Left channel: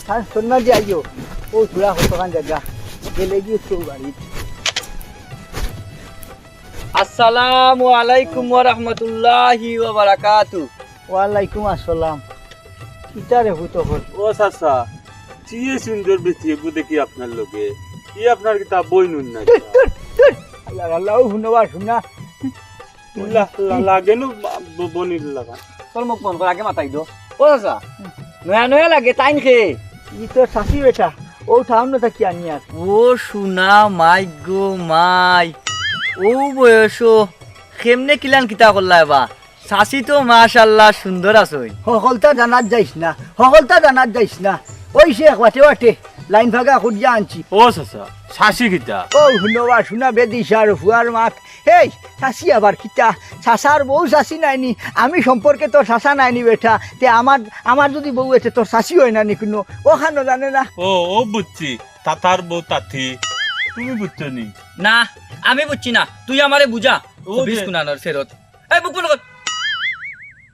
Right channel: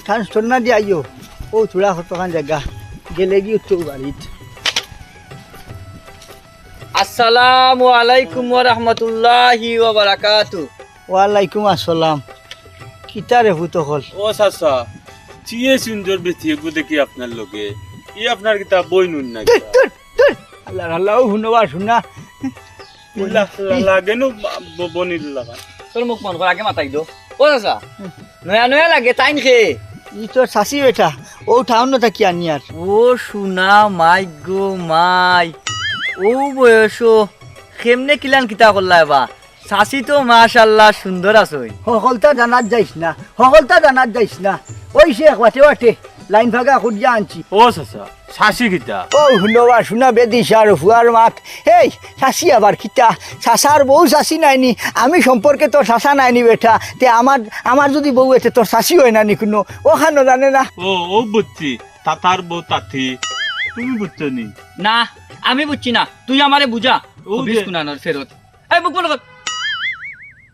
থান সন্না দিয়ে আইও ও থোড়া কতখান জায়গা গেলে গিয়ে চৌ বাড়িত। আসসালামু আলাইকুম ওয়া রাহমাতুল্লাহি ওয়া বারাকাতু। ওয়ালাইকুম আসসালাম। কিতারে হুত হল? ও চাচা চিয়ে সুন্দর বেশি এগু দেখি আপনার লগে ই আপনার কিতা বই নুন না আল্লাহ আল্লাহ শুনবা শুনা লাগে নো বনির লাগা তোর মুখ মন কর আগে মাথায় দো। ও চাচা নয়া নয়া লাগে টাইম খে ই তোর শাশি বেটা ও ঠাউন না থাকি আনি আর। ও শুনা মাই গো মাই ও বয়স কেমনে কিলান কিতা করলা বা শাশি তো মাশাআল্লাহ সুন্দর আছই। সকলতা জানাত যাইস না, সকলতা জানাত যাইস না। ওই সে ওয়াটে ওয়াটে লাইন ভাগা খুঁজিয়া আনছি। ও চাচা শাশি কিতা ও শুনবা শুনা বেদিস আর ফুয়ার মাত এই শাশি আবার কিতা শাশার বউ শাশি নাইনি আমি সম্পর্কে তোর শাশা নাইনি বেটা তে আমার যদি বউ এতে তোর শাশি হয় না নি কোনো ওখানো জানে না। ও বুঝছি তাতার বউ তাথি তুমি বুঝছো নি না আমি বুঝছি না তুই আমারে বুঝা ও ও যে- বিশ কুনানোর ফেরত এই বুক বল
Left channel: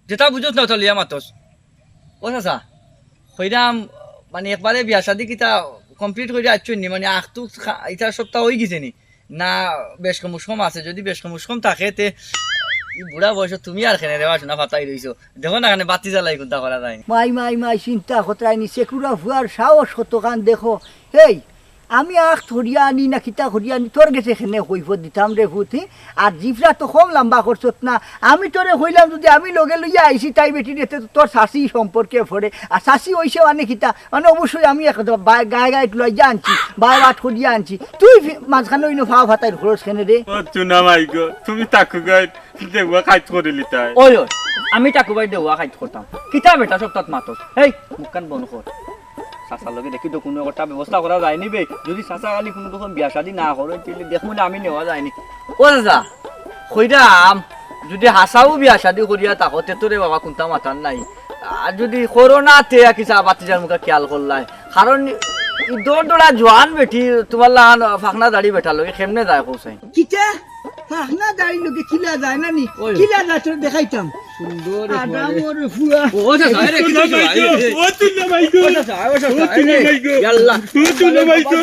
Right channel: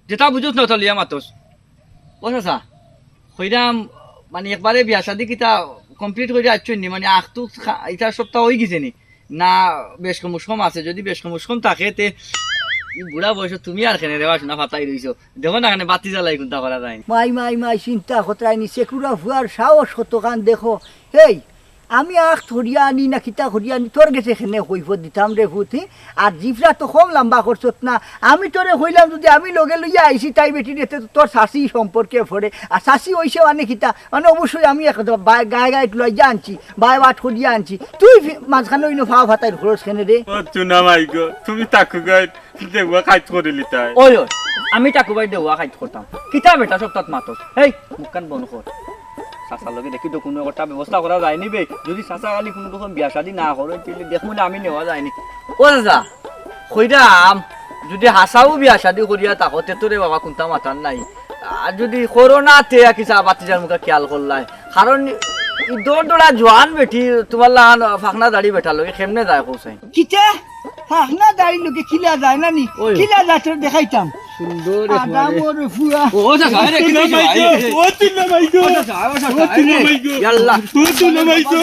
যেটা বুঝোস না তলিয়া মাতস। ও চাচা হইরাম মানে একবারে বিয়া শাদি কিতা কমপ্লিট করে আসছেন নি মানে আখটু এটা সপ্তাহ হয়ে গেছে নি না বেশ কমুসকম আছে যদি বেশ কমুসকম থাকে তে বুড়া বয়স তুমি আর খেনে রেওয়া শোনা ফাতাই রইছো দেখো না এখানে বাতি জ্বালাই কোনটা করা যায় মাই মাই মাই চিন্তা কতরাইনি সেকুরা ফুয়ার সাহস কতখান দেখো এই আমি আখ ধরিয়া আনি না কিতা ধরিয়া আনি তোর গেছে এখানে কইব দিতাম রে ভূতি আর জিফরা তো কম লম্বা করছত না আমি তোরে কইলাম যদি আমি লগে লইয়া আইসি তাই বেটি রেতে তোর শাশি সম্পর্কে পড়ে আর শাশি হইছে মানে কিতা মানে অবশ্যই আমি গায়ে গায়ে লইয়া আনছি বাই বাট করিয়া আনছি তুই মাঝখানে ওই ফাওয়া ফাতাই খরচ কেনে রে। ও চুনা মাই গো তুমি তাকু গাই দেওয়া খাইত করিলি তাই ওই ওই আমি টাকু বাই দেওয়া খাইতে করতাম কিতা বেটা সপ্তাহ মাতস এই মুখখান বন্ধ কর। চাচার লগে দেখি তো কোনো একটা ব্যবস্থা করা যায়নি বে যদি চাচা কালি কোনো রকম বিয়া শাদি না করে তাহলে দেখবো আমি নেওয়া যায়নি। ও চাচা কইরাম যদি হাসাও বিয়া শাদি করিয়া তাকতে তোরে বাবা কোনটা মাথার নাই আর যদি করোনা তে কিসা বাতিজার মুখে খেয়াল করলাই কারণ দোড়া জোয়ান বেটি তোমার লাগান ফাঁকনা দাড়ি বেটা লগে কেমনে যায় কৌসাই কিতা হ্যাঁ না দাঁড়ি লোকে খিলা যায় না নি ওই। খিলা যায় তোর দেখাইতাম সুন্দর আদামর ফুয়া ও চাচা রে কি ও চুনা মাই গো ও চুনা মাই গো ইয়াল্লা ও চুনা মাই গো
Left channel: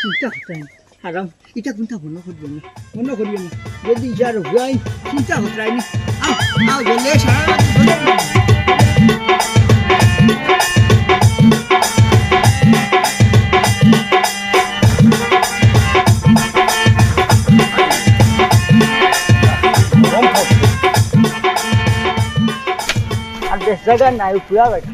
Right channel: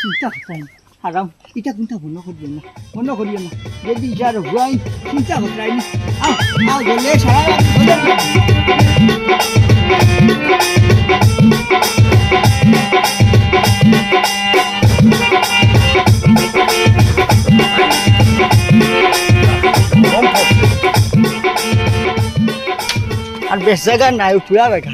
চিন্তা করতাম হারাম এটা কোনটা মনে করবেন না মনে করিও না যদি যার হুয়াই চিন্তা করতাইনি আও গেলে সারা আর বেশ জায়গা নাই পুরা বেটা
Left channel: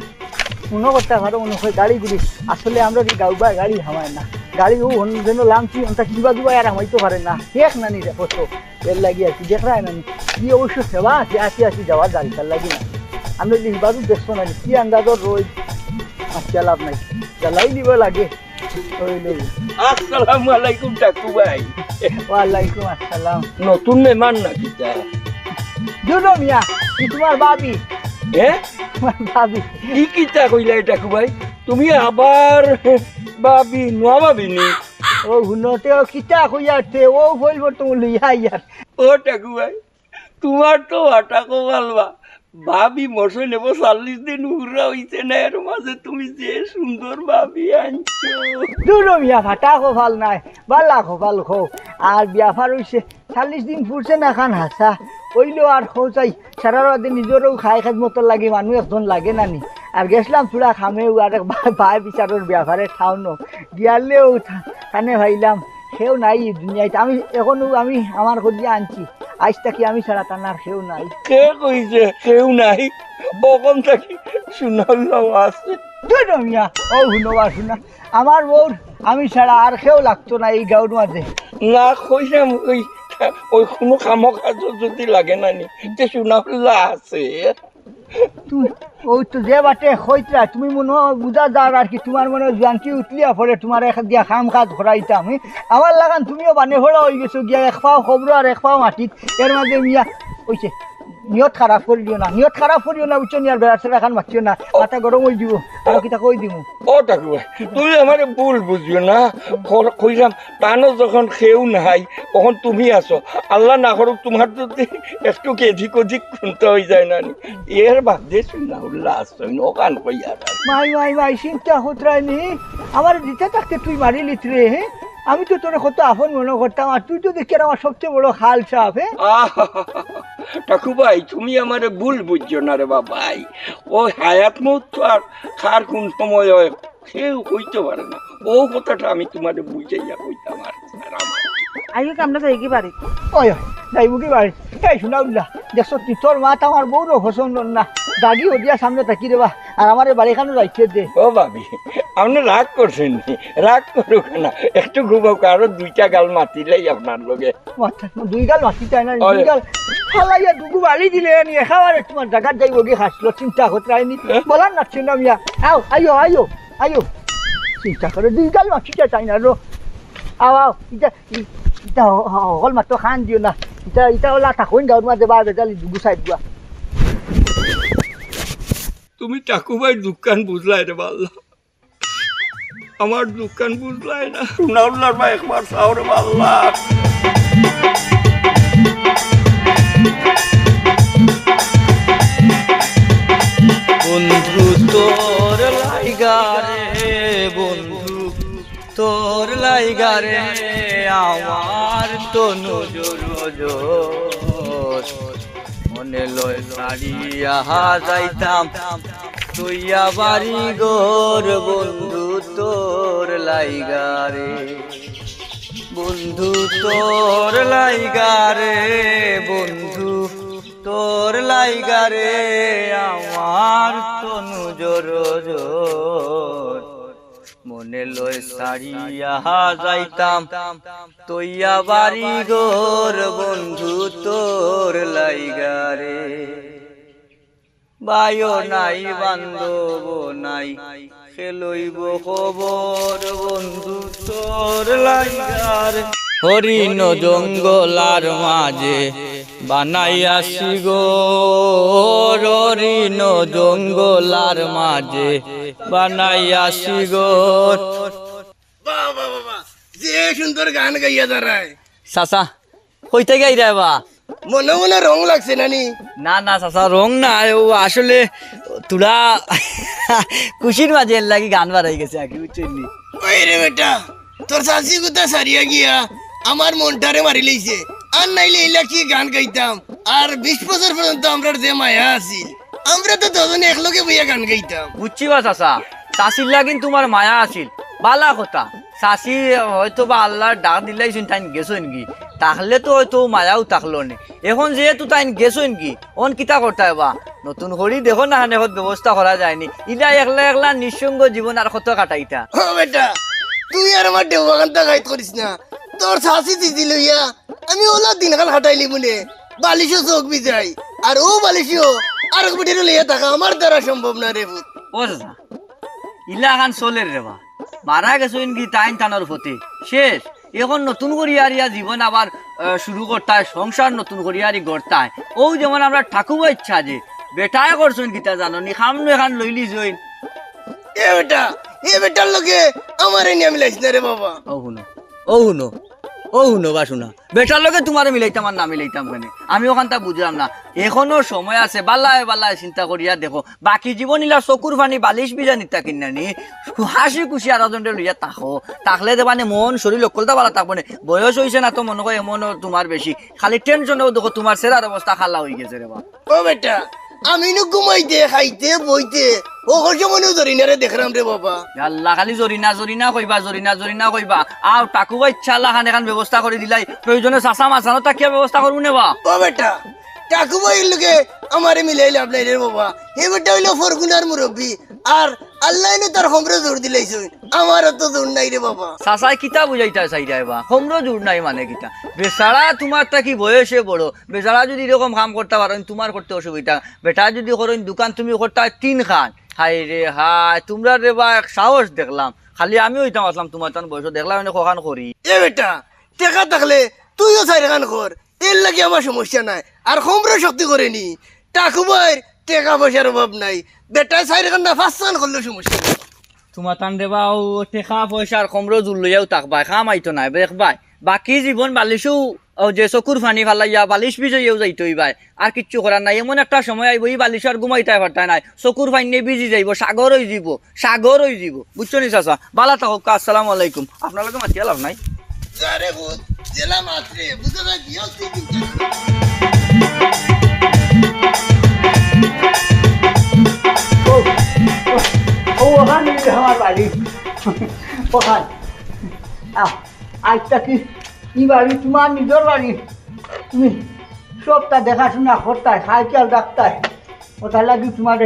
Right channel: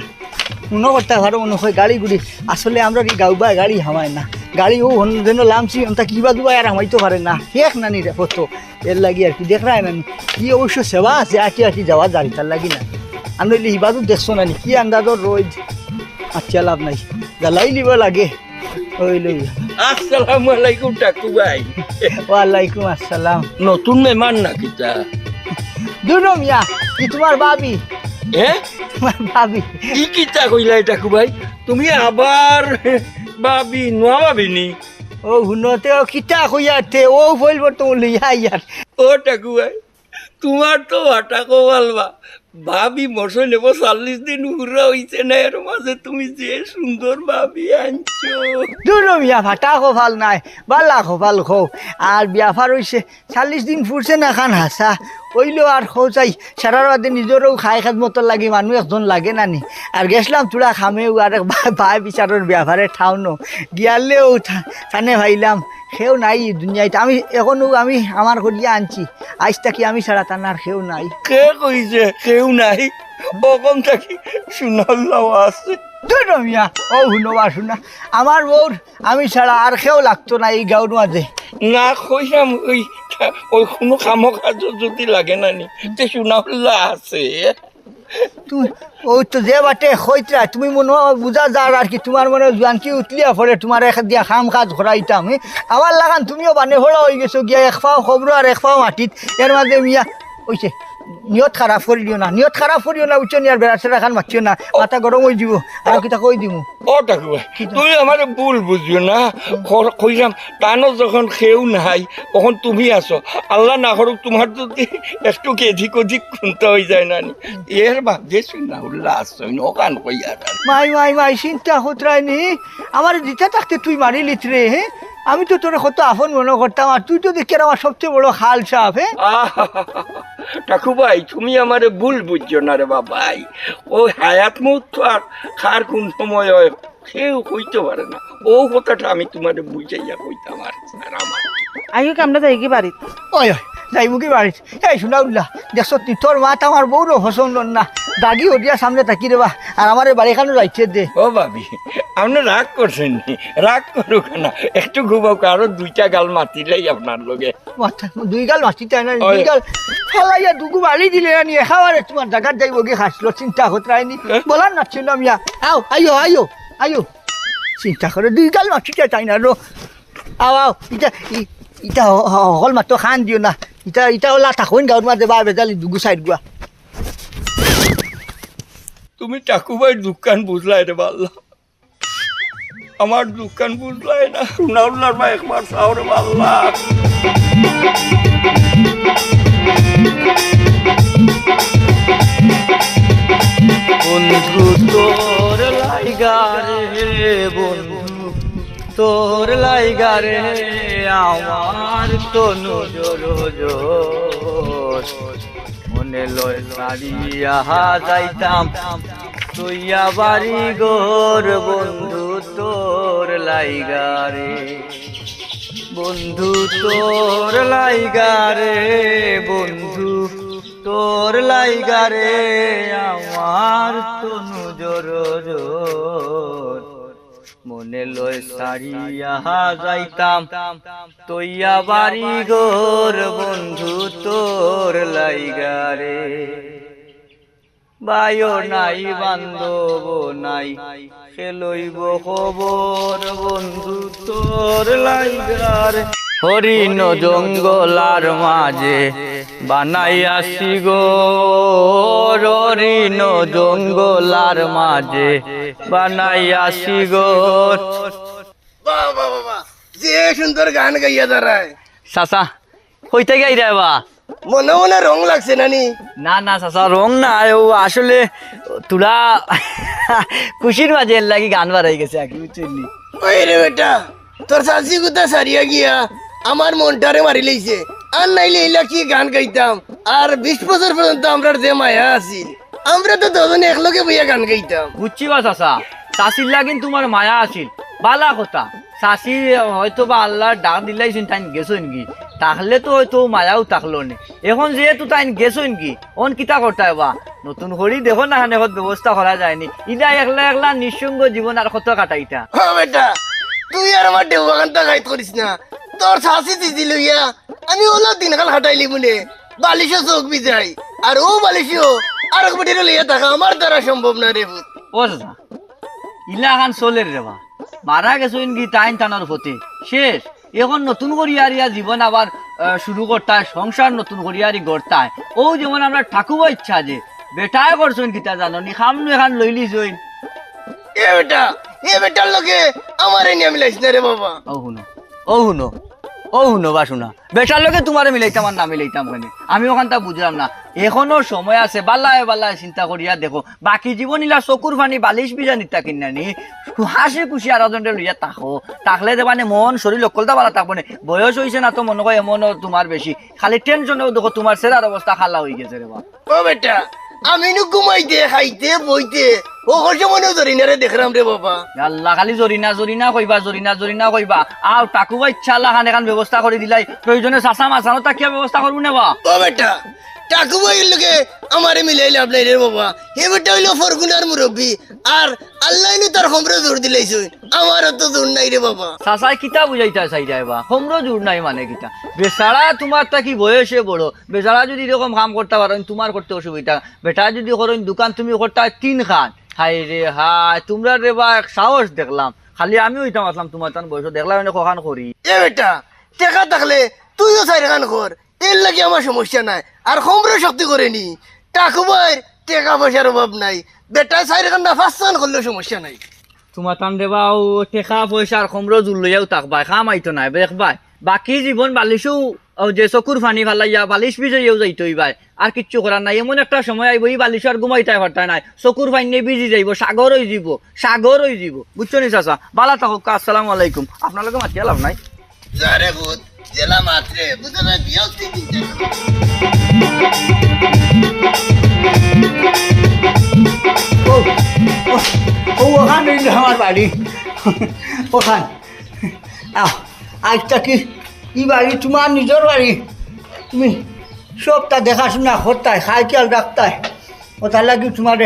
মনে করতে পারো মনে হয় গাড়ি গুড়ি আসলে আমরা কি গাউবা গাড়ি হামায় না গাড়ি ও যেন লামছি ওটা কিবা দুবা আর হামাইতে পারে না শেখ নানি রে ফটো এর লাগি আর কি দেখ না নানি কি অবশ্য সেবা আছে আটি আটি যাওয়া গাড়ি তার লাগি না আমি হিবাদু দেখছো নানি কি আন্দাজর রোজ আচ্ছা লাভ নাই জ্বালাই লিব লাগে ওই লই আসসালামু আলাইকুম টাকু ভাই ওয়ালাইকুম আসসালাম নতুন মেহমান নাকি তা দুরু মিয়া কি তোমার ভাবি হ্যাঁ তোমার ভাবি কি কিতা কইলাই টাকু ভাই তুমি আবার ভাবি নোয়া ভাবি নি ও হুনতে ও কিতা কইয়াতে ও বলবো তো লইয়া ইয়ার ও টাকু ভাই তোমার তো আটা কমালবা ভাবি মশই নেব 40 দিন উড়া হইছে না এর মাঝে তুমি যে সুন্দর ভাবি আনছো দুরু মিয়া ভাটা খো ভাল নাই বালা খো ভাল খো আর বিয়াফার হইছে 40 দিন ফুরছে না খান হাসা ওইলো আর খো চাই সারা রাতে নিজেরও খাই খাত মতো লাগে মানুষ একজন লাগে নানি আর গেছিলাম তোরা খামেও আর ভাই বিচারের বিয়াফারে ঠাউনো গিয়ালেও থানে ভাইলাম সেও নাই দুনিয়াতে আমি এখনো আমি আমার করিয়া আনছি আজ থাকি আমি ছাড়া টানার সেও নাই কে কইছে কেউ নাই বকম থাকি শুনাল্লাও আছে দুরু মিয়া ও হুনবা শুনা আমার বউর আমি ছাড়া আর সেও লাগতো না এই গাঁর মাঝে না কইলাম ওই কোনো কাম কাজ যদি লাগে না নি তে শুনাল্লা আছে তুমি ও তো যে বাটে হইতরা তুমি মনে হয় বুঝা যার আর কি তোমার মনে জোয়ান কি উঠলিয়া পরে তোমার এক দিয়া খাম কাজ করাইতাম আমার লাগান তুমিও বানে হড়া হয়ে গেছো গিয়া এক পাও খবর আর এক পাও মাটিত এর মাঝে মিয়া ওইছে নিয়ত খারাপ করে দিও না, নিয়ত খারাপ করিও না, বুঝছো নি? আর বেড়া সেরা খান মারছিও না, মাথা গরম হয়ে যাব। আর কিতা কই দিমু? ও টাকু ভাই তুমি আমার ভুল বুঝিও না, কইলাম টানো যখন খেউ নাই তখন তুমি আসো, আল্লাহ না করুক তোমার যদি একটু এদিক ওদিক খুনতে হয়ে যায় না, এর ভাগ্যে শুনা উল্লাহ আসছো নকান কইয়া। মাই মাই মাই চিন্তা হতরাই নি, আমার দিতে থাকতে তুই মারি লিত রে। হ্যাঁ, আমি তো তোর কত আপন মনে করতাম, আর তুই তো দেখি আমার সবচেয়ে বড় খাল সাপ। হ্যাঁ, টাকু ভাই তুমি আমার ভুল বুঝছো না রে বাবাই, ওই হায়াত মৌত তো আর খার কোন সময় হয় কেউ কইতে পারে না, ও কথাটা আমি তোমার বুঝাইয়া কইতাম। আর আমার আইও আমরা যাই কি বাড়িত ওই ওই যাইব কি বাড়িত? এই শোনা উল্লাহ, দেখছো তুই তোর মাত আমার বউরও পছন্দ না, দাগি ওদিয়া সামনে থাকি রে বা, আর আমার বাড়িখানে রাইছে দে। ও ভাবি আপনি রাগ করছেন নি? রাগ করুক না, একটু ঘুমাও, আরো দুইটা গাল মাতিলেই আপনার লগে। দুই গাল মাতি তাই না, দুই গাল ফেলাইয়া দুগু বাড়ি দিলে নিয়ে খাওয়ারে তোমার জায়গার যাইব গিয়ে খাসলো, চিন্তা হতরাইনি বলার নাচ্ছিল আমি। আও আইও আইও আইও, চিন্তা করে দুই গাল মাতি তাই না রো। আও আও, ইটা ইটা হল মাত্র খান দিও না, ইটা ইটা ওলা থাকুন গাঁর মাঝে বা বেজালি দুগু সাইড গুয়া। তুমি টাকু ভাই দোকান বুঝলাই রে বাল্লা, আমার দোকান বুঝলাই না। রুনাউল্লার ভাই একবার চাও রে বাল্লা। বন্ধু তোর লাইগা রে, বন্ধু তোর লাইগা রে, আমার তো নজর মনে লয় সারিয়া যাইতাম তুইয়া বাড়ি গোর, বন্ধু তোর লাইগা রে, বন্ধু তোর লাইগা রে, বন্ধু তোর লাইগা রে, আমার তনু জোর মনে লয় সারিয়া যাইতাম তৈয়া বাড়ি গোর, বন্ধু তোর লাইগা রে, বায়ো নাই বান্ধব নাই খেলইব খবর, বন্ধু তোর লাইগা রে। হরিণ জঙ্গলার মাঝে বানাইয়াছি গোর, হরিণ জঙ্গলার মাঝে বানাইয়াছি গোর। বাবা বাবা যে সুন্দর গান গাইয়া দাঁড়ায়। চাচা কইতে গাই রে বা? মনে মনে রং লাগছে নানি? না না চাচা রং না, ও আসলে তোরা খুশির মাঝে এর লাগি গান বাড়াই গেছে আর কি, বুঝলি? ওই রে বেটা তোর শাশি কোথা সারিয়া গিয়া আমার মনটারে মারি লইছে, আর নাইলে এইলা কি গান গাইতাম। আর 20 বছর পর্যন্ত আমরা যে মায়া আছিল, আমরা তো দুজনে একলগে বইয়া গান গাইতাম। বুঝছি বা চাচা, চাষির লাগিন তোমার মায়া আছিল, বালা কথা। চাষি হয়তো বা আল্লাহর ডাক দিলাইছেন তাই গেছো নাকি, তাহলে তো হয়তো মায়াও থাকলো নি। এখন যেহেতু তাই গেছো নাকি, অন কিতা করতে বা নতুন করি দেখো না এখন ব্যবস্থা করা যায়নি, ইলা একলা একলা নিঃসঙ্গ জীবন আর কত কাটাইতা। হ্যাঁ বেটা তুই আর আমার দেওয়া গানটা গাইত করিস না, তোর শাশি দিদি লইয়া আমি ওলা দিনকাল হাঁটাইলি বলে বালিশও চোখ বিজাই, আর ও বালিশও আর এক বেটির লইয়া থাকা আমার দ্বারা সম্ভব না রে ভূত। ও চাচা ইলা খান চলের রে বা, মারা গেছো নাকি টাইম টানার ফতে শেষ। এখন নতুন করিয়ারিয়া জীবন আবার শুরু করতায়, সংসার নতুন করিয়ারি গড়তায়। ও যেমন আমরা ঠাকুমা ইচ্ছা যে বেটায় করছেন কিতা জানো নি, খামনু এখান লইলি জইন। এ বেটার লগে আমার নিয়ে মিলাইছ না রে বাবা। ও শুনো ও শুনো ও শুনো বা শুনা, বেটার লগে তোমারে মিলাইতাম আর না মিলাইতাম কেন, আমি ওখানটা বুঝলাম না। এখনো সময় আছে, বালায় বালায় চিন্তা করিয়া দেখো, বাকি জীবন ইলা চকুর ফানি বালিশ বিজা নিতা কিনা নি, হাসি খুশি আর জনরে লইয়া তাকো, তাকলে দেবানে মন শরীর অকলতা বালা থাকবো না। বয়স হয়েছে না তো মনে হয় এমনও তোমার বেশি, খালি টেনশনেও দেখো তোমার সেরার অবস্থা খালা হয়ে গেছে রে বা। ও বেটা আমি নু ঘুমাইতে খাইতে বইতে ও মনে ধরি না রে দেখলাম রে বাবা। আল্লাহ খালি জরিনা জরিনা কইবা, জরিনা জরিনা কইবা। আর টাকুবা ইচ্ছা আল্লাহ খান এখান ব্যবস্থা করে দিলাই, প্রয়োজনে চাষা মাছানো তাকিয়া ব্যবস্থা করবো না বা। ও বেটা টাকু ভাইয়ের লোকে আমারে মিলাই লাভ নাই রে বাবা, হে বেটা হইলো ফরগুনার মুরব্বী, আর আল্লাহ তার খবরে জোর দিলাইছে, আমারও তো জোর নাই রে বাবা। চাচাই কিতা বুঝাইতা চাই যাইবা, হোমরো জোর নাই মানে কিতা। বেচারা তোমার তা কি বয়সে বড়, বেচারা যদি এরকম কাম করতে পারেন তোমার করতে অসুবিধা, বেটা যদি করেন দোকান তুমি করতে 3 খান, হাই রে হাই তোমরা রে বা সাহস দেখলাম। খালি আমি হইতাম আসলাম তোমার তান বয়স দেখলাম কখান করি। এ বেটা টেকা থাকলে তুইও 4 খান কর, তেল লাগে আমার সমস্যা নাই আর খমরে শক্তি করেনি ঠাকুরভাইয়ের টাকা পয়সার অভাব নাই বেটা চাইর কান্না ফাঁসান করলেও সমস্যা নেই তোমার তান দেবা ও টেকা পয়সার কমরো জুল লইয়াও তাকবাই খাম আইতো নাই দেখবাই বাকি জীবন বালিশও ও যে চকুর ফানি ফালাইয়া বালিশ বিজয়েও যাইতই ভাই আর কিচ্ছু করার নাই এমন একটা সময় আইব এই বালিশ আর ঘুমাইতে পারতাই নাই চকুর ফাইনে বিজি যাইব সাগর হয়ে যাব বুঝছো নি চাচা বালা থাকুক আসসালামু আলাইকুম আপনার মাতিয়া লাভ নাই আরে ভূত জেলা মাত্রে বুঝে না বিয়াও কিনতে ওখানে আমার বাড়ি ওখানে আজটা কি ই বাড়ি তোমার নিজের বাড়ি তুমি সবটা দেখাশোনা করতাই খাই খেয়াল রাখতাই ওটার লাগি তোমার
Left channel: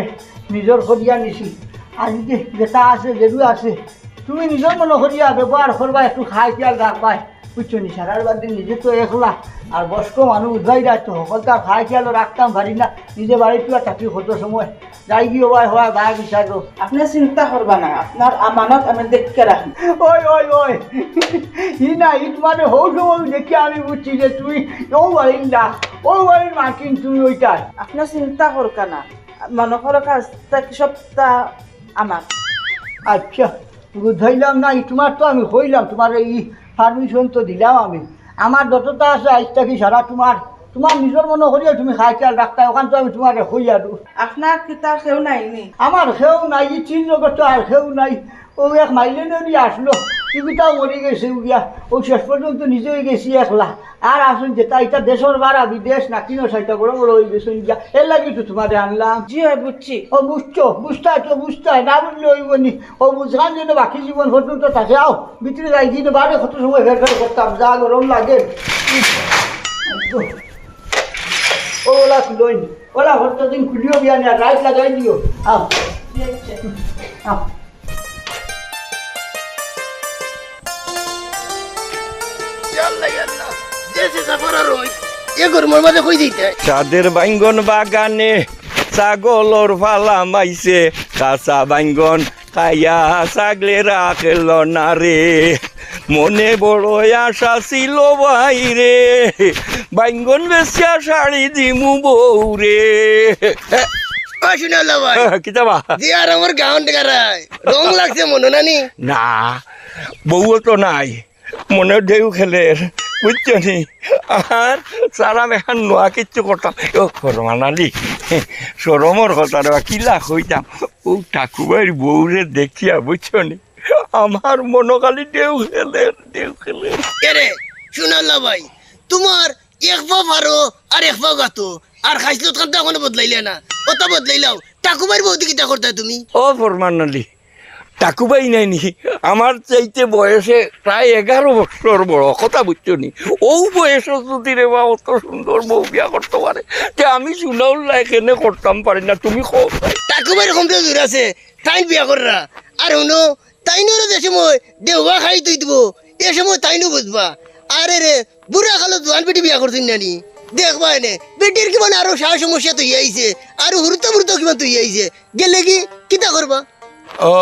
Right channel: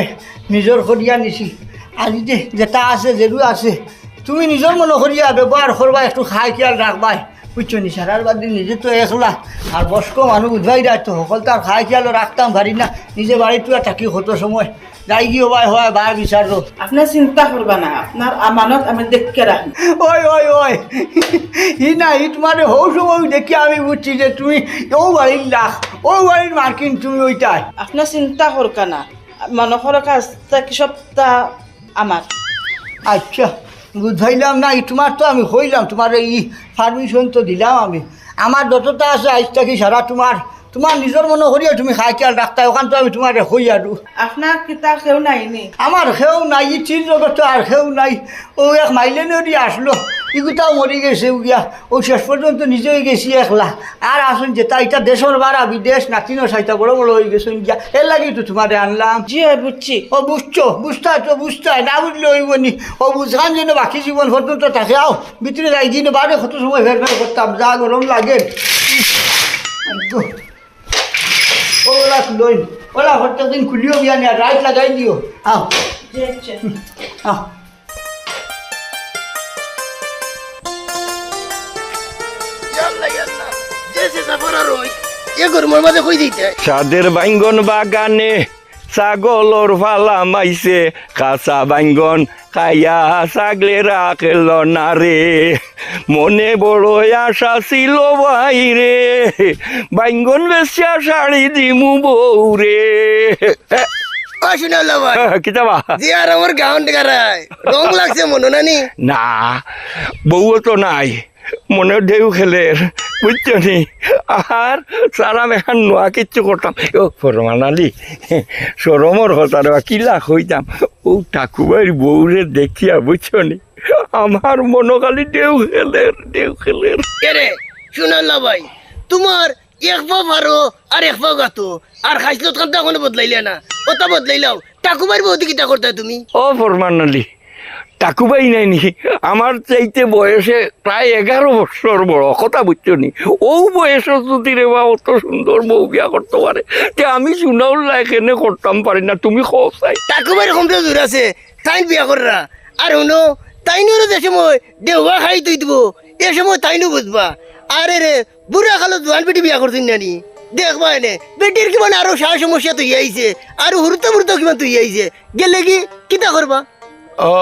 নিজের করিয়া নিছি আর যেটা আছে যেরু আছে তুমি নিজের মনে করিয়া ব্যবহার করবা একটু খাই খেয়াল রাখবাই বুঝছো নি সারার বাদ দিন নিজে তো একলা আর বয়স্ক মানুষ উদ্ভাই রাখতো সকল তো আর খাই খেয়ালও রাখতাম পারি না নিজে বাড়িতে থাকি কত সময় যাই কি হয় বার বিচারো আপনার চিন্তা করবা না আপনার আমানত আমি দেখকে রাখি ওই ই না ই তোমার হৌ সময় দেখি আমি বুঝছি যে তুমি ও বাড়ির লাখ ও বাড়ির মার্কিন তুমি ওইটাই আপনার চিন্তা করকা না মনকর কাজটা কি সবটা আমার আচ্ছা বুঝাইলাম না ই তোমার তো আমি হইলাম তোমার এই পারমিশন তো দিলাম আমি আমার যতটা আছে আজটা কি সারা তোমার নিজের মনে করিয়া তুমি খাই খেয়াল রাখতে ওখান তো আমি তোমার হই আরু আপনার কিতা কেউ নাইনি আমার খেউ নাই ই চিন জগৎ তো আর খেউ নাই ও এক মাইলেনেরই আসলো ইগুটাও মরি গেছে গিয়া ও শেষ পর্যন্ত নিজেই গেছি একলা আর আসুন যেটা এটা দেশের বাড়া বিদেশ নাতিনো সাইটা বড় হয়ে গেছেন গিয়া এর লাগি তো তোমারে আনলাম জি বুঝছি ও বুঝতাই না বুঝলে হইব নি ও বুঝান যেন বাকি জীবন পর্যন্ত থাকে আও ভিতরে যাই দিন বারে কত সময় ফের করতাম যা গরম লাগে ওলা লই ওলা হঠাৎ দিন খুলিও বিয়া না রাইট লাগাই দিও আও আও সাদের বাইঙ্গন বাগানে ছাগলর ফালা মাইছে কাঁচা বাইঙ্গন খাইয়া ছাগলে রাখল না রে মনে বড় আশা ছিল বাইরে বাইঙ্গন বেশিয়া শাড়ি দিমু বউ রে কিতাবা আমার গাউন গারায় রং লাগছে মনে নানি না বউ তো নাই মনে ঢেউ খেলের বুঝছো নি আর সারাম এখন নোয়া কিচ্ছু করতাম ও ফরমানালি সরমর হতার কিলা হইতাম ও ঠাকুরবাড়ির বউরে দেখিয়া বুঝছো নি আমার মনোকালি ঢেউ খেলের রে শুনাল্লা ভাই তোমার এক পা ভারো আর এক পা গাতো আর খাইছিল তখন তো এখনো বদলাইলে না ওটা বদলাইলাও ঠাকুরবাড়ির বৌদি কিতা করতে তুমি ও ফরমানালি টাকুবাই নাইনি আমার চাইতে বয়সে প্রায় 11 বছর বড় কথা বুঝছো নি ও বয়সে যদি রে বা অত সুন্দর বউ বিয়া করতে পারে যে আমি শুনাউল্লা এখানে করতাম পারি না তুমি খাই টাকুবাইয়ের কমটা দূর আছে তাই বিয়া কররা আর শুনো তাইনোর যে সময় দেওয়া খাই তুই দিব এ সময় তাইনো বুঝবা আরে রে বুড়া খালো জোয়ান বেটি বিয়া করছেন নানি দেখবা এনে বেটির কিমান আরো সাহস সমস্যা তুই আইছে আর হুরুতো কিমান তুই আইছে গেলে কি কিতা করবা ও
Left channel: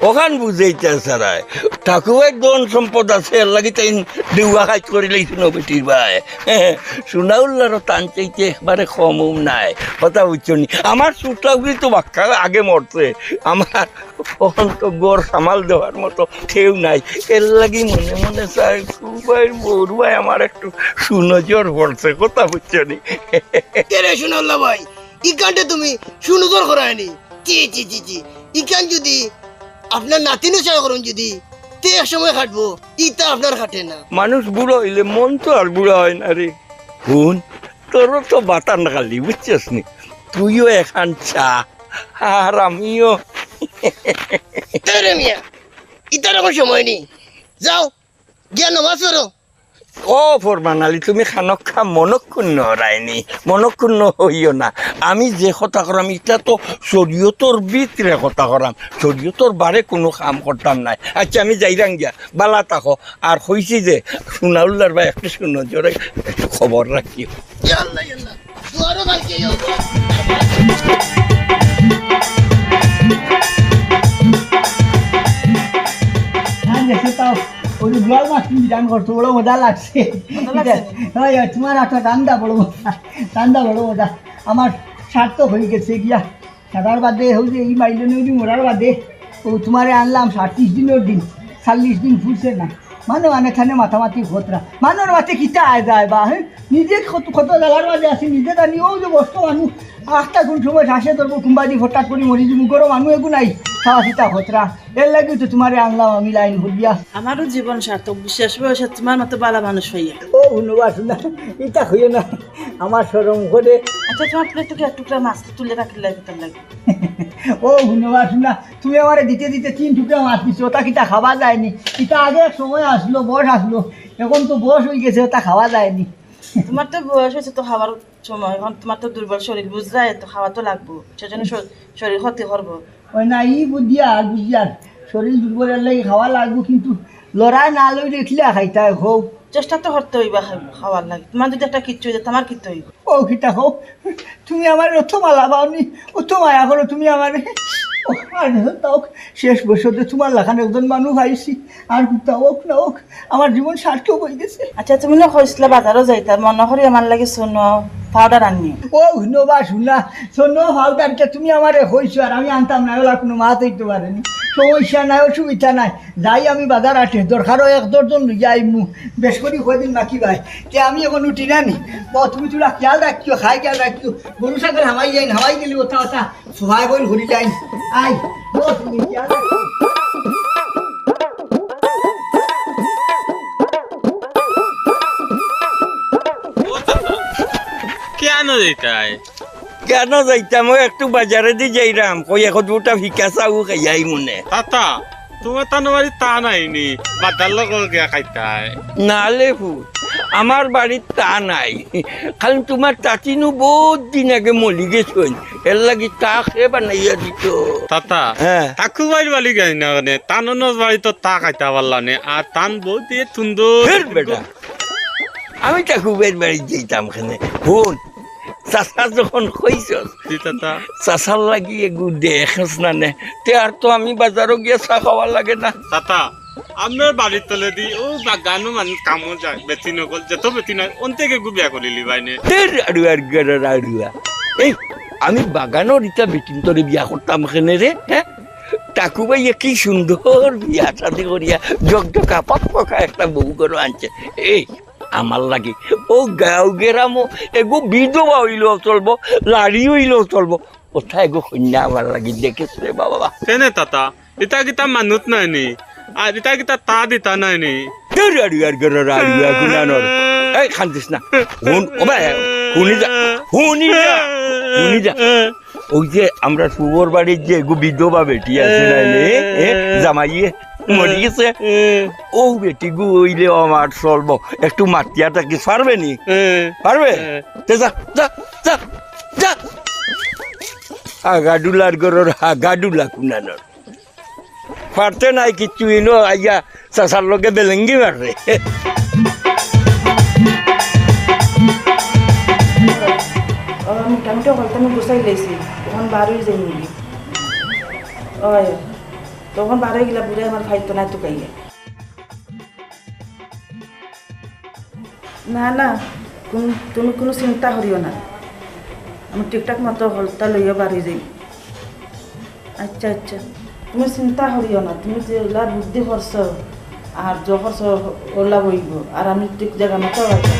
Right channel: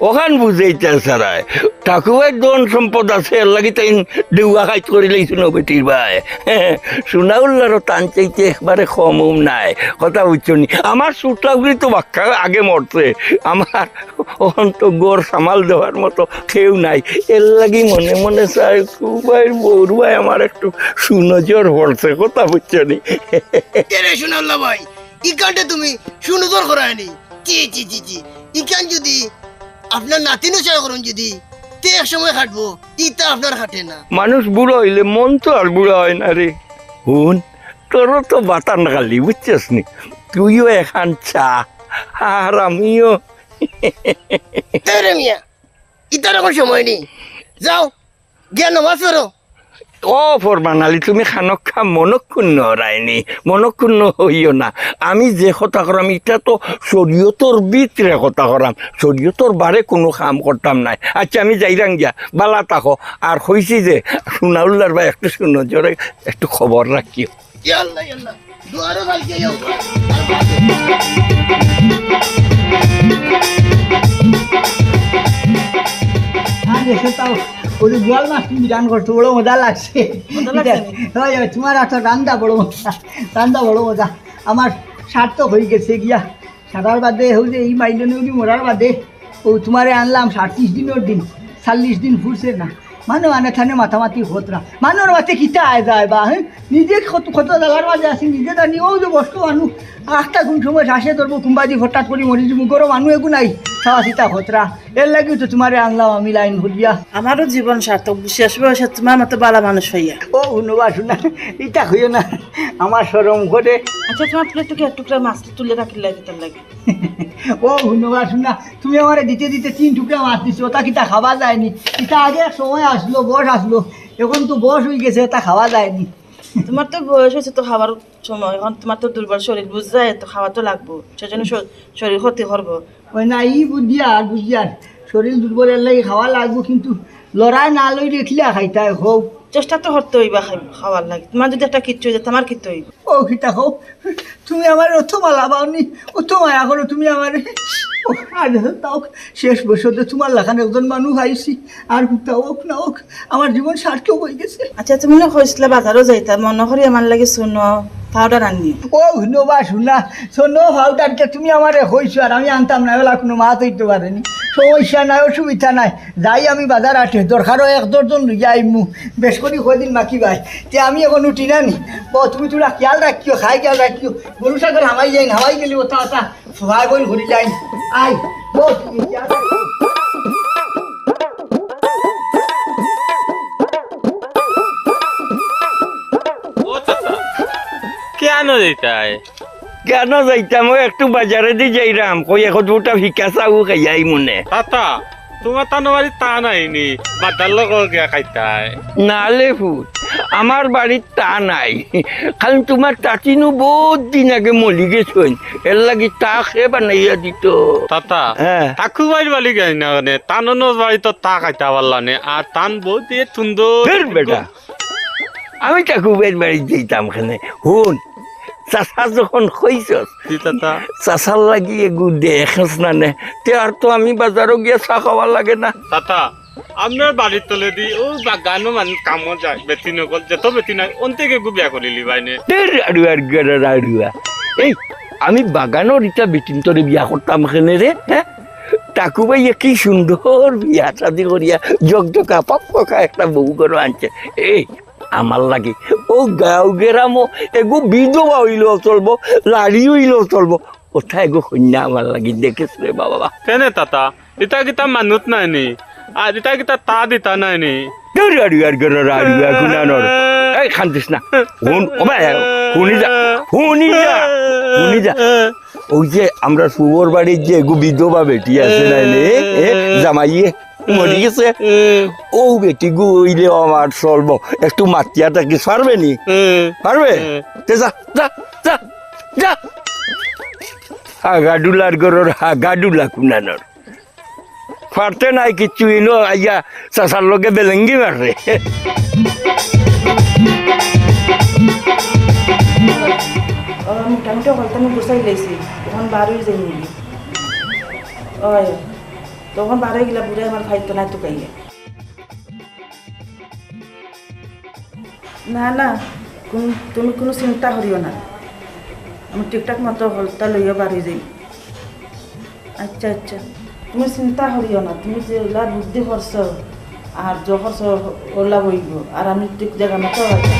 ওখান বুঝাইতে সারায় ঠাকুরের ধন সম্পদ আছে এর লাগি তাই দেউয়া কাজ করে লাইছিল বেটির ভাই সোনাউল্লারও টান চাইতে একবারে কম নাই কথা বুঝছো নি আমার সুতলাগুলি তো বাক্কা আগে মরছে আমার ওখান তো গড় সামাল দেওয়ার মতো কেউ নাই এর লাগি মনে মনে চাই খুবাই বউর ভাই আমার একটু সুনজর পড়ছে কথা বুঝছো নি শুনাল্লা ভাই ই কাণ্ডে তুমি সুনজর করায়নি জি ইখান যদি আপনার নাতিনও চাই করুন যদি তে এক সময় খাটবো ইটা আপনার খাটে না মানুষ বুড়ো হইলে মন তো আর বুড়া হয় না রে হুন তোরও তো বাতান গালি বুঝছিস নি তুইও এখান চা আর আমিও মিয়া ইটার এখন সময় নেই যাও গিয়া নামাজ পড়ো ও ফরমানালি তুমি খানক্ষা মনক্ষুণ্ণ হরাইনি মনক্ষুণ্ণ হইও না আমি যে কথা করাম এটা তো শরীয়তর ভিতরে কথা করাম শরীয়তর বারে কোনো কাম করতাম নাই আচ্ছা আমি যাইরাম গিয়া বালা থাকো আর হইছি যে সোনাউল্লার ভাই একটু শুনো জোরে একটু খবর রাখিও ইয়াল্লাহ দুয়ারও কালকে তাও ওই যে জল মাছ তুমি রান করছো বড় মজা লাগছে মজা লাগছে? হয়, হয়, তোমার একটা রান্দা বড় মজা, রান্দা বড় মজা। আমার সার্থক হয়ে গেছে গিয়া সারার বাদে হই যে এই মাইলেনে মরার বাদে ও তোমারে আনলাম 37 দিনের দিন, 40 দিন ফুরছে না মানে থানে মাথামাতি খতরা মানুষ মাথে কিতা আয় যায় বা হ্যাঁ নিজে কত জায়গার মাঝে আছে নিজে জানি ও যে বস্তু মানুষ আটটা কোন সময় শ্বাসে ধরবো কুম্বাজি হঠাৎ করে মরি যাবো গরম মানুষ এগু নাই খাওয়া সীতা খতরা এর লাগে তো তোমারে আনলাম আমি লাইন ভরিয়া। আমারও জীবন সার্থক শেষ বয়সে তোমার মতো বালা মানুষ হইয়া। ও শুনবা শোনা এটা হইও না আমার সরম করে। আচ্ছা তোমার প্লেট টুকরা টুকরা মাছ তুলে রাখলে লাগে তার লাগে। ও শুনবা শোনা তুমি আমার দিতে দিতে 3 টুকরা মাছ দিছো ওটা কিতা খাওয়া যায়নি। এটা আগে এক সময় আসলো বয়স আসলো এখন তো বয়স হয়ে গেছে ওটা খাওয়া যায়নি। তোমার তো বয়স হয়েছে তো খাবার সময়, এখন তোমার তো দুর্বল শরীর বুঝরায় তো খাওয়া তো লাগবো, সেজন্য শরীর ক্ষতি করবো। ওই না ই বুঝিয়ার শরীর দুর্বলের লাগে খাওয়া লাগবো কিন্তু লড়াই না লই রেখলে খাইতাই হোক। চেষ্টা তো করতে হইবা খাওয়ার লাগে, তোমার যদি একটা কিচ্ছু হয়ে যায় তোমার কিচ্ছু হইব। ও খিতা হোক তুমি আমার অত মালা পাওনি অত মায়া করো তুমি আমার। আর তাও শেষ বছরে তোমার লাখান একজন মানুষ আইসি আর তাও হোক না হোক আমার জীবন সার্থক হয়ে গেছে। আচ্ছা তুমি না কইসলা বাজারও যাইতা, মনে করি আমার লাগে শোনো পাউডার আনি। ও শুনোবা শুনা শোনো পাউডারটা তুমি আমার হইছো আর আমি আনতাম না ওলা কোনো মাছ হইতে পারেনি। সমস্যা নাই অসুবিধা নাই যাই আমি বাজার আটে দরকারও 1-2 লইয়া আইমু বেশ করি কদিন বাকি ভাই তে আমি এখন উঠি না নি তুমি তোরা খেয়াল রাখিও খাই খেয়াল রাখিও গরু সাগর হামাই যাই হামাই গেলি ওটা ওটা ভাই বল ঘুরি যাই আই তুমি খেয়াল রাখিও। কেন যেতাই? কেন যাইতাম ওই একটু বাজারে দিয়ে যাইরাম কই এখন দুটা ভিকা চাউ খাইয়াই মনে। তাতা তোমার তানো বাড়ি তা নাইনি বাদার লোক গিয়া খাইতাই নালে ফুট আমার বাড়ির তা নাই, খালি তোমার চাচিনু বহুত দিন আগে মলি গেছেন এর লাগি তা খেয়ে বানাইয়া দিত। তাতা হ্যাঁ ঠাকুরবাড়ির বাড়ি গাই না মানে তানোর বাড়ি তো তা খাইতা পারলানে আর তান বহুত দিয়ে সুন্দর। ফের বেটা আমি ঠাকুরের বাড়ি যেতাম খানে শুন চাষা যখন কইছস তাতা চাষার লাগি এগু দেখস না নে তে আর তো আমি বাজারও গিয়ে চা খাওয়া লাগে না। তাতা আপনার বাড়ির তলে দি ও বাগানো মানুষ কামও যায় বেশি নকল যত বেশি নাই অন্তেকে গু বিয়া করিলি বাইনে আড়ুয়া এই আমি বাগানোর ইটা বেটিন তোরে বিয়া করতাম এখানে রে। হ্যাঁ টাকু ভাইয়া কি সুন্দর বিয়া শাদি করিয়া জগজকা পকা একটা বউ করে আনছে। এই আমার লাগে ও গাঁও গেরামো এগো বিধবা হইলেও চলবো লাড়ি হইলেও চলবো কোথায় এগো কন্যা আমার লাগি দেখেছ রে বাবা। কেনে তাতা এটা কিতা মানুষ নাই নি আর এটা কিতা তা দিতা নাই নি এই খান্তিস না শুনি যা ওই যে আমরা শুভর বাড়ির যে এগো বিধবা বেটি আছে নাইলে জামাইয়ে মরে গেছে ও বেটি গুইলে আমার চলবো একটু মাতিয়াটা কি পারবে নি পারবে যা যা যা যা হাগাডুলার গরর হাগাডুলা কুনানোর পারতে নাই কিচ্ছু ইনো আইয়া চাষার লোকে বেলেঙ্গি মারে। মোটামুটি হলতে আমি গুছাই লাইছি তখন বার হয়ে যাই নিবি ওই তখন বার হয়ে গেলা বুড়ে আমার খাইতো না তো খাইয়ে না না তুমি কোনো চিন্তা করিও না আমি ঠিকঠাক মতো হলতা লইয়া বার হয়ে যাই। আচ্ছা আচ্ছা তুমি চিন্তা করিও না, তুমি যে ওলা বুদ্ধি করছ আর যে করছ ওলা বইব আর আমি ঠিক জায়গা মতো আচ্ছা।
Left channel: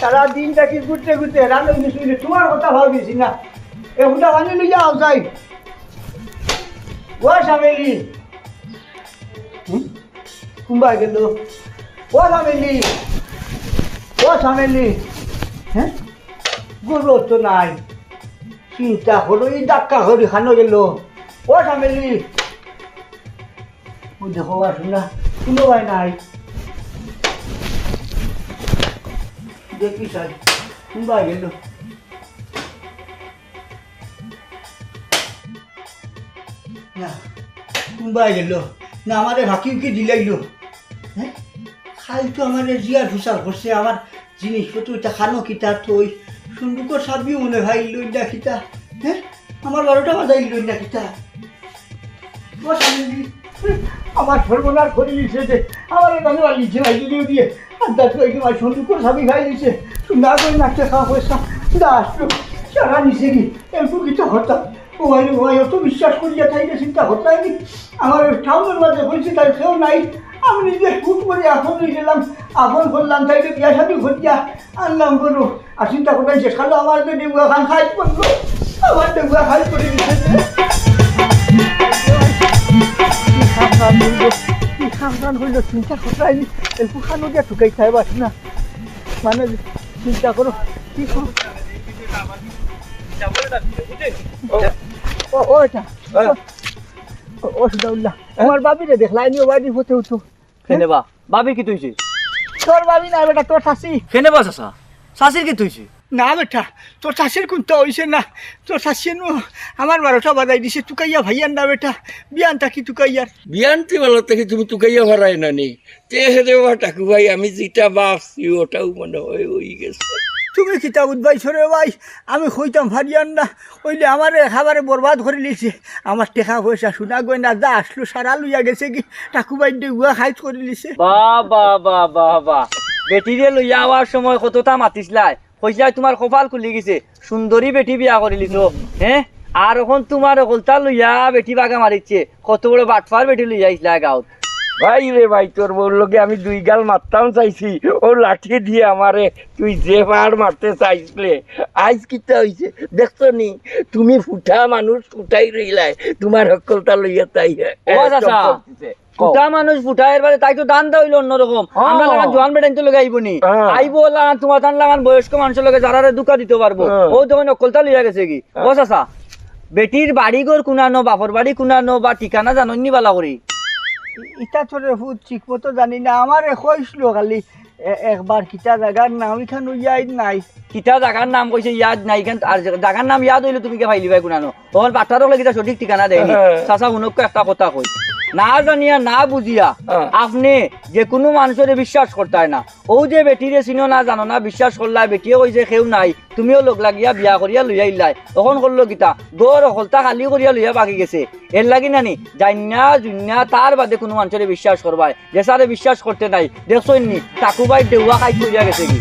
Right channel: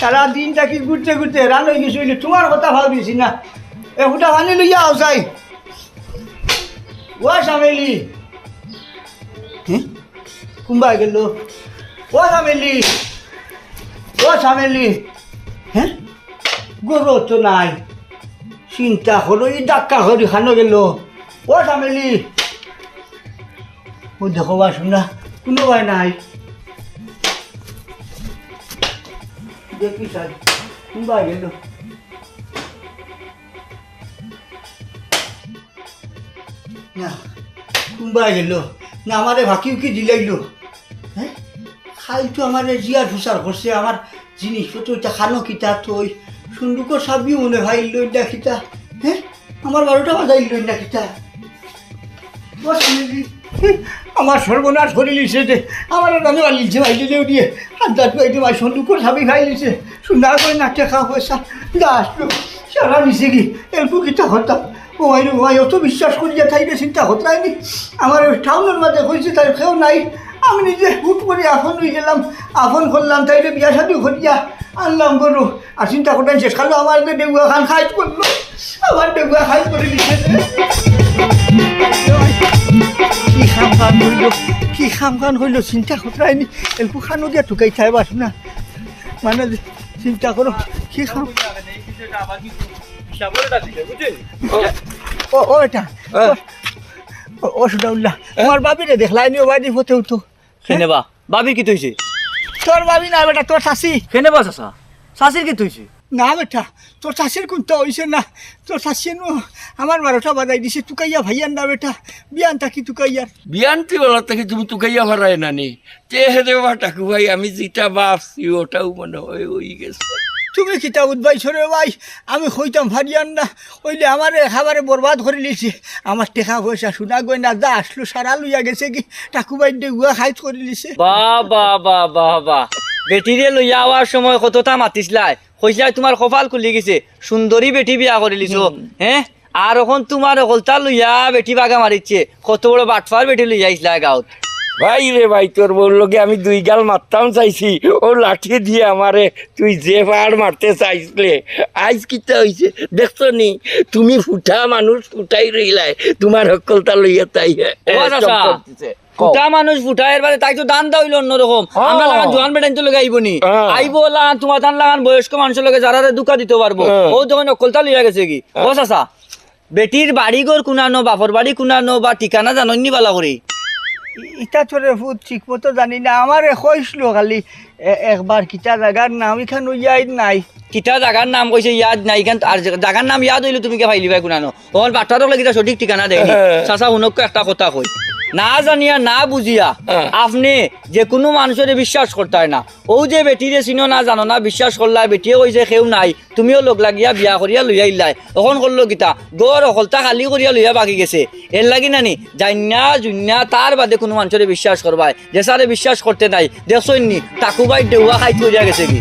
সারা দিনটা কি ঘুরতে ঘুরতে রান হয়ে গেছি তোমার কথা ভাবিছি না এ হুটা বানি লইয়া আসাই ও সামেলি কুম্বাই গেল ও সামেলি হ্যাঁ গরু তো নাই চিন্তা করো এই ডাক্কা হরি খানো গেল ও সামেলি ও দেখো বা শুনা কোনো ভাই নাই দেখি সাই কোনবা গেল না কোনবা গেল না আমারে ভাকি উকি দিলাইলো হ্যাঁ খাই তো আমার জিয়ার ফুসার করছে আমার জিনিসপত্র এটা খানো কিতা থই সুন্দুকর সাবিও মনে ভাই লই না কিতা হ্যাঁ আমার 12টা বাজাই লই না কিতা ও সামেলি আমার সর্বনাশ করে লিছে যে আমার রানে লিছে ভাই দিলেও দিয়ে আড্ডা তো একটু ভাই সুন্দুকর সাবি খাই লিছে সুন্দর করে নাচতে খাওয়া পয়সা দাস সারা নিছে কি এলপু কিতা হতাম ও ভাই অত বিশ্বাস করিয়া থাইলে চিন্তা হতাইনি আমার টাউনের মাঝে হয়েছে তার কেউ নাই আমি নিজে হুট করে আপন হয়ে গেলাম আপন করলাম তাইলে বিয়া শাদি করিয়া আনলাম গরু আর চিন্তা করতেন শেষ খালো আমার ডেউয়া খান খাইট করলো আমার ডেউয়া খাইট করে দিচ্ছে কি খান হইল চিন্তা করাইনি এলপু খানো দিয়া টুকাই খাই পারছ না মানে চিন্তা করো কি খাম ও এটা ও সুদাউল্লাহ আমার বাবিরে দেখলাই নি বাড়ি হতে হতো কেনে বা বাবি কি তুইছে তোর বাবি না বেটা তোর শাশি কেনে বা চাচা চাচির কি তুইছে না বেটা তোর শাশির কোনটা হইছে না তোর শাশি নো আমার 12টা বাজাই দিছে টুকাইয়া ভাইয়ার না বেটা বিয়ান থাকি টুকাইয়ার বিয়ান্তি বলা থেকে তুমি তুকাইয়া ভাড়ায় না নি তে দেওয়া টাকু ভাই আমি যেটা ভাবছি ওটাও মনে হয় ওই গেছে তুমি কিতা উদ্বাইছ রে ভাই আমি হইতাম ভারিয়ান না ওইলে আমারে খাবারে বরবাদ করে লিছে আমার টেকা পয়সা শোনা গয়না যা আসলো সারা লইয়া গেছে কি টাকুবাই ডেগুয়া খাইত করে লিছে বা বেটিরে লইয়া আওয়ার সময় কতটা মাতিসলাই কইসলাই তোমার কপাল খুলি গেছে সুন্দরী বেটি বিয়া করে লিছো হ্যাঁ আর এখন তোমার অকলতা লইয়া বেটি বাগা মারিচ্ছে কত বড় বাটফার বেটি লইয়া আইসলা গাঁত ভাই রে ভাই তোর বললোকে আমি 2 গাল মারতাম চাইছি ও লাঠি দিয়ে আমারে তুই যে পাহাড় মারতে চাইছিলে আইস কিতা হইছে দেখছো নি তুমি ফুটা মানুষ ফুটাই রইলাই তোমার হকলতা লইয়া তাই ফুটা মানুষ ফুটাইয়ের বারে তাই তো দান দাইল অন্যরকম আমরা লাগান জোয়ান বেটাইন তো লগে আইব নি আইব লাগান তোমার তান লাগান বয়স্ক মানুষের লগে যারা দুঃখা দিতে পারবো ও যখন অকলতা লইয়া গেছে কি ও চাচা বেটির বাড়ি ঘর কুনানো বাপর বাড়ি কুনানো বা ঠিকানা জাননি বালা করে ইটা তোরে ভূত ঠিক মতো জানি না আমারে কইছিল খালি একবার কিতা জায়গার নাম এখান ইয়াই নাই কিতা জায়গার নাম কইছে ইয়াদ নাই এখান আর জায়গার নাম ইয়াদ হইলে তুমি কে ফাইলি ভাই কুনানো ওর বাটারও লাগি সঠিক ঠিকানা দেয়নি চাচা হুনক একটা কথা কই না জানিয়া না বুঝিয়া আপনি যে কোনো মানুষের বিশ্বাস করতে হয় না ও যে বেটিরে চিনো না জানো না বিশ্বাস করলা বেটিয়ে কইছে কেউ নাই তুমিও লগ লাগিয়া বিয়া করিয়া লইয়া ইলাই এখন করলো কিতা দৌড় অকলতা খালি করিয়া লইয়া বাকি গেছে এর লাগি নানি জান্না জুন্না তার বাদে কোনো মানুষের বিশ্বাস করবাই যে সারে বিশ্বাস করতে নাই দেখছই নি টাকুবাই ডেউয়া খাই করিয়া গেছে কি